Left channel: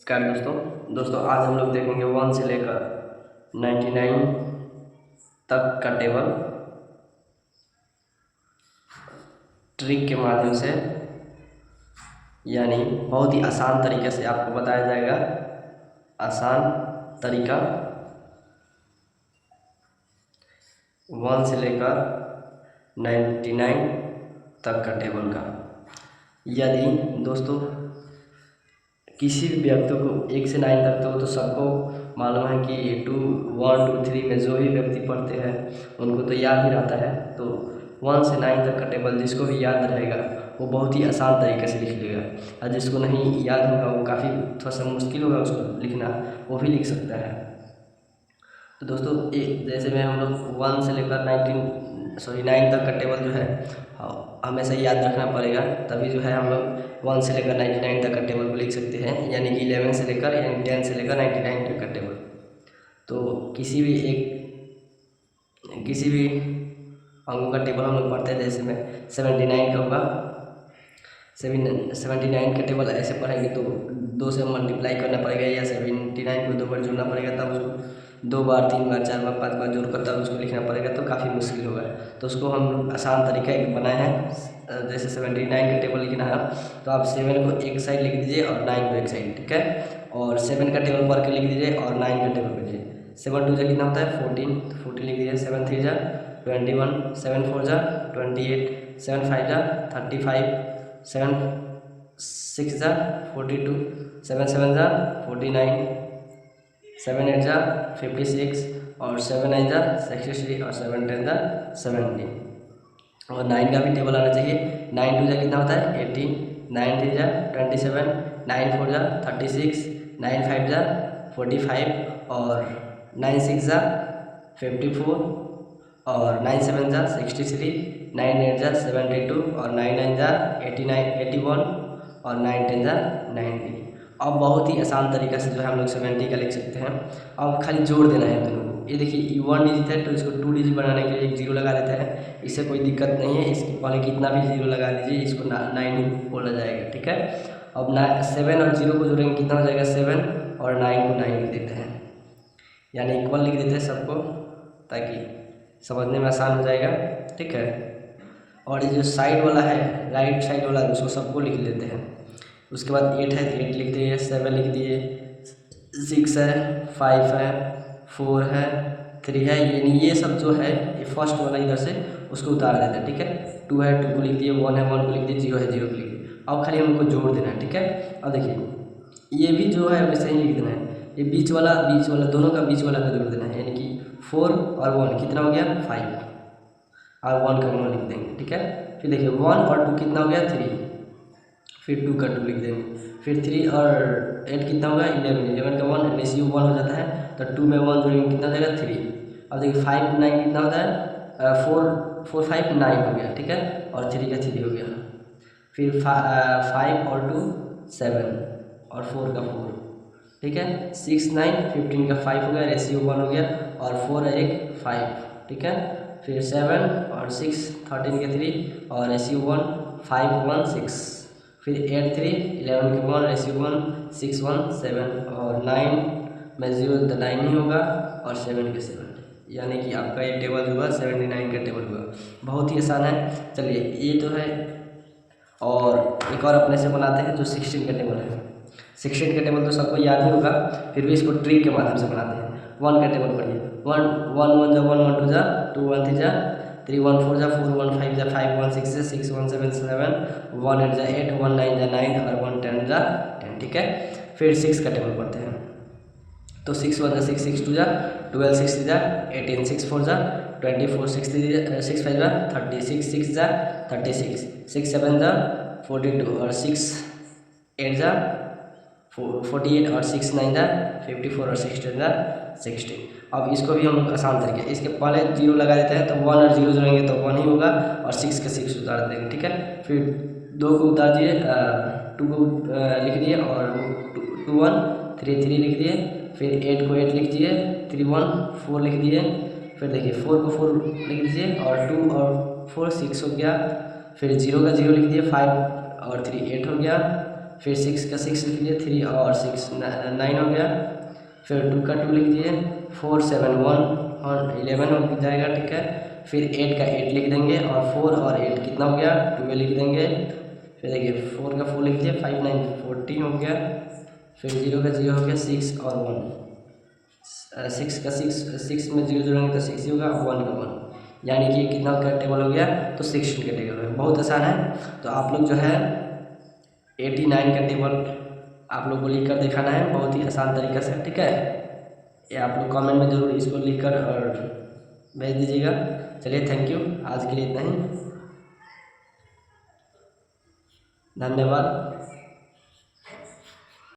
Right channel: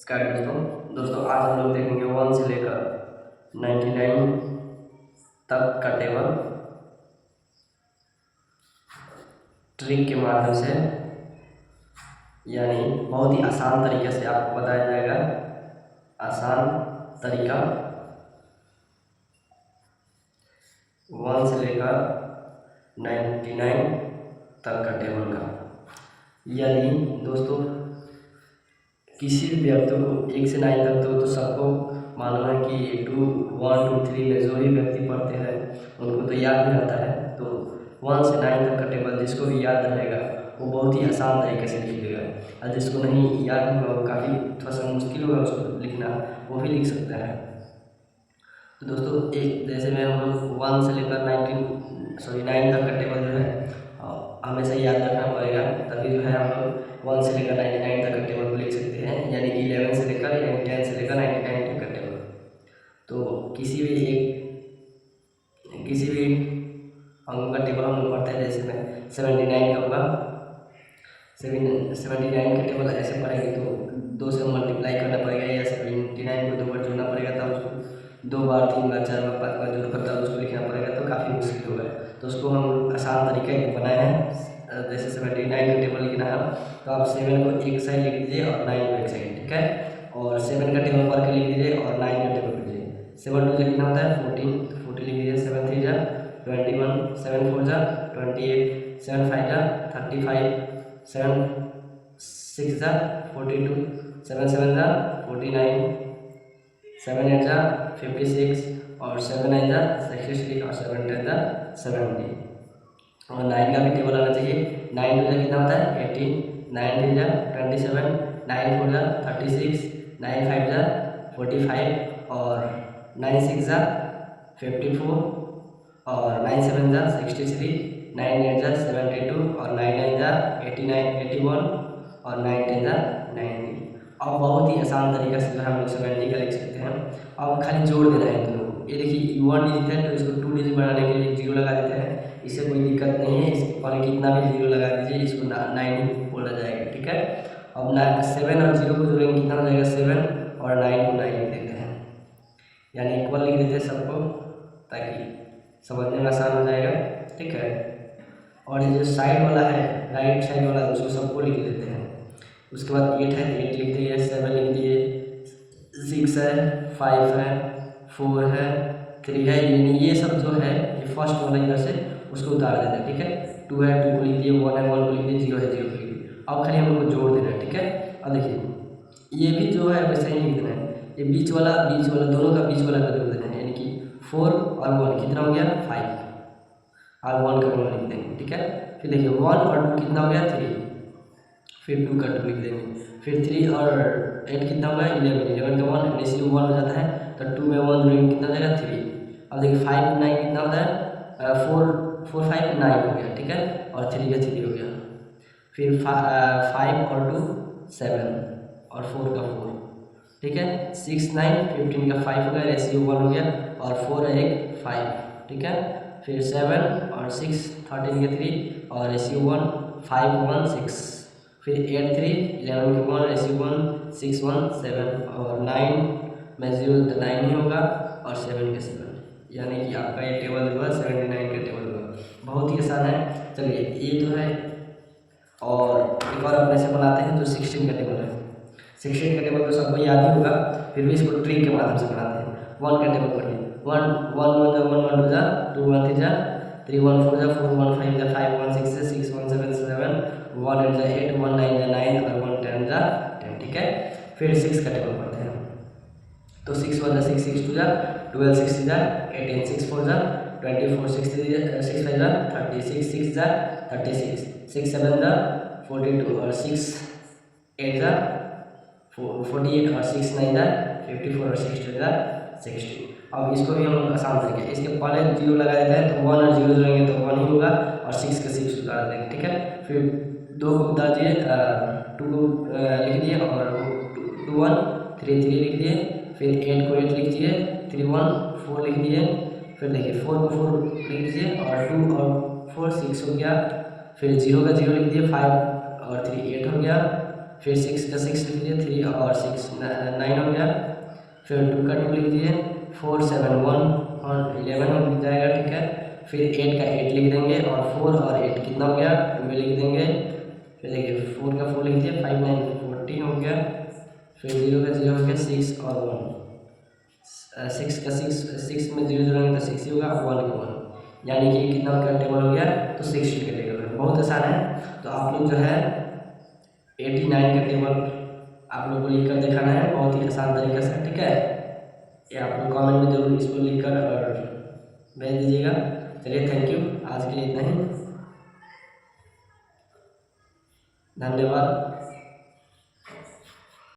नमस्कार दोस्तों आज हम लोग देखेंगे 1 से लेकर 99 तक का टेबल ट्रिक के माध्यम से, यानी बहुत ही आसान तरीके से आपको बताया जाएगा। आसान तरीका 1 से लेकर 99 तक का टेबल का। यदि दोस्तों किसी भी व्यक्ति को 1 से 9 तक तो सबको मालूम है कि 2, 1, 2, 3 में जो भी व्यक्ति पढ़ते हैं उनको तो याद ही रहता है। तो 1 से 9 तक का टेबल जिसको भी याद रहेगा वो बहुत ही आसान तरीके से लिख लेगा, और जिसको नहीं याद होगा वो काफ़ी थोड़ा सा मुश्किल होगा उसको लिखना, वो भी लिख सकता है। तो दोस्तों एक जैसे मैं हम लोग 1 से लेकर 9 तक का टेबल जो है हमेशा याद रखना पड़ेगा, तभी जो है हम लोग 1 से लेकर 99 तक का टेबल को लिख सकते हैं, यानी कि 11 से लेकर यानी 10 से लेकर 99 तक का टेबल। तो किसी भी अंकों का टेबल हम लोग पढ़ते हैं। जैसे मैं 79 का होगा, 79 का टेबल ऐसे पढ़ेंगे तो 2 से मल्टीप्लाई करना पड़ेगा, या 79 को 2 बार जोड़ना पड़ेगा, तब उसको 2 बार 3 बार 4 बार 5 बार जोड़कर तब उसको लिखना पड़ेगा, तो काफ़ी मुश्किल होगा। तो उसको हम आसान तरीका एक बनाए हैं। जैसे 79 का टेबल लिखना है तो आप 7 को एक साइड लिख दीजिए और 9 को एक साइड, ठीक है। और 7 का टेबल पढ़ के लिख दीजिए और 9 का टेबल लिख दीजिए। 7 2 कितना होता है 14, तो 14 लिख दीजिए। 7 3 जा 21, 7 4 जा 28, 7 5 जा 35, 7 6 जा 42, 7 7 जा 49, 7 8 जा 56 और 7 9 जा 63 और 7 10 जा 70। और 9 का भी टेबल आना चाहिए। 9 2 जा कितना होता है 18, 9 3 जा 27, 9 4 जा 36, 9 5 जा 45 और 9 6 जा 54 और 9 7 जा 63, 9 8 जा 72 और 9 9 जा 81 और 9 10 जा 90। अब बहुत ही आसान तरीका से जो है हम लोग 70 का लिख सकते हैं। अब खाली जोड़ देना है दोनों को। ये देखिए 1 डिजिट है तो इसको 2 डिजिट बनाने के लिए 0 लगा देते हैं, इससे कोई दिक्कत नहीं है। इसके पहले कितना भी 0 लगा दीजिए, इसको 9 बोला जाएगा, ठीक है। अब 7 और 0 को जोड़ेंगे कितना हो जाएगा 7 और 9 को 9 लिख देते हैं, यानी इक्वल लिख देते हैं सबको, ताकि समझने में आसान हो जाएगा, ठीक है। और ये जो साइड वाला है, राइट साइड वाला, उसको सबको लिख लेते हैं। उसके बाद 8 है 8 लिख दिए, 7 लिख दिए, 6 है 5 है 4 है 3 है, यानी ये सब जो है ये फर्स्ट वाला इधर से उसको उतार देते हैं, ठीक है। 2 है 2 को लिख दिए, 1 है 1 को लिख दिए, 0 है 0 को लिख दिए। अब खाली हम लोग को जोड़ देना है, ठीक है। अब देखिए ये भी जो है वैसे ही लिख देना है। ये बीच वाला दोनों का बीच वाला का जोड़ देना है, यानी कि 4 और 1 कितना हो गया 5 और 1 का 1 लिख देंगे, ठीक है। फिर देखिए 1 और 2 कितना हो गया 3, फिर 2 का 2 लिख देंगे। फिर 3 और 8 कितना होगा 11, 11 का 1 रेशियो 1 हो जाता है, तो 2 में 1 जोड़ेंगे कितना हो जाएगा 3। अब देखिए 5 9 कितना होता है 4 5 9 हो गया, ठीक है, और 3 का 3 हो गया। फिर 5 और 2 7 और 4 का 4, ठीक है। 6 9 15 का 5 हो गया, रेशियो 1 हो गया, और 4 1 5, ठीक है। फिर 7 और 6 13 के 3 और रेशियो 1 5 1 6, फिर 8 3 11 के 1 रेशियो 1 6 1 7 और 9 में 0 तो 9 ही होगा और 7 के 7, यानी कि आपका ये टेबल होगा 79 का टेबल होगा। बहुत ही आसान है। चलिए ये जो है और एक और अपने से बनाते हैं जो 16 का टेबल है। 16 का टेबल तो सबको याद ही होगा, फिर भी इसको ट्रिक के माध्यम से बनाते हैं। 1 का टेबल पढ़िए, 1 1 1 जा 1 1 2 जा 2 1 3 जा 3 1 4 जा 4 1 5 जा 5 1 6 जा 6 1 7 7 1 8 जा 8 1 9 जा 9 और 1 10 जा 10, ठीक है। फिर 6 का टेबल पढ़ते हैं, तो 6 1 जा 6 6 2 जा 12 6 3 जा 18 6 4 जा 24 6 5 जा 36 6 जा 36 6 7 जा 42 और 6 8 जा 48 और 6 9 जा 54 और 6 10 जा 60। अब इसको भी हम लोग आसान तरीके, इसके पहले 0 लगा देते हैं, तो 1 और 0 जोड़ेंगे तो 1 ही होगा, और 6 के 6 उतार देंगे, ठीक है। फिर 2 को उतार दिए, 2 को लिख दिए, और 2 1 3 3 लिख दिए। फिर 8 को 8 लिख दिए, 3 1 4 लिख दिए। फिर देखिए 4 को 4 लिख दीजिए, और 2 और 4 6 हो गया। फिर 0 का 0 लिख दिए, 5 और 3 8 हो गया। फिर 6 का 6 लिख दिए, 3 और 6 9 हो गया। फिर 2 का 2 लिख दिए, 4 7 1 और 11 हो जाएगा, ठीक है। फिर 8 का 8 लिख देंगे और 4 और 8 कितना हो गया, 12 लिख देंगे। फिर देखिए 4 का 4 लिख दिए, 5 9 14 हो गया। फिर 0 का 0 हो गया, 6 और 1, 6 का 6 में 0 जोड़ेंगे तो 6 ही होगा, 1 का 1, यानी कि कितना का टेबल हो गया, तो 16 का टेबल है। बहुत आसान है। तो आप लोग जो है 89 का टेबल आप लोग को लिख कर दिखाना है, बहुत ही आसान तरीके से, ठीक है। ये आप लोग कमेंट में जरूर इसको लिख कर और भेज दीजिएगा। चलिए, थैंक यू, आज के लिए इतना ही, धन्यवाद।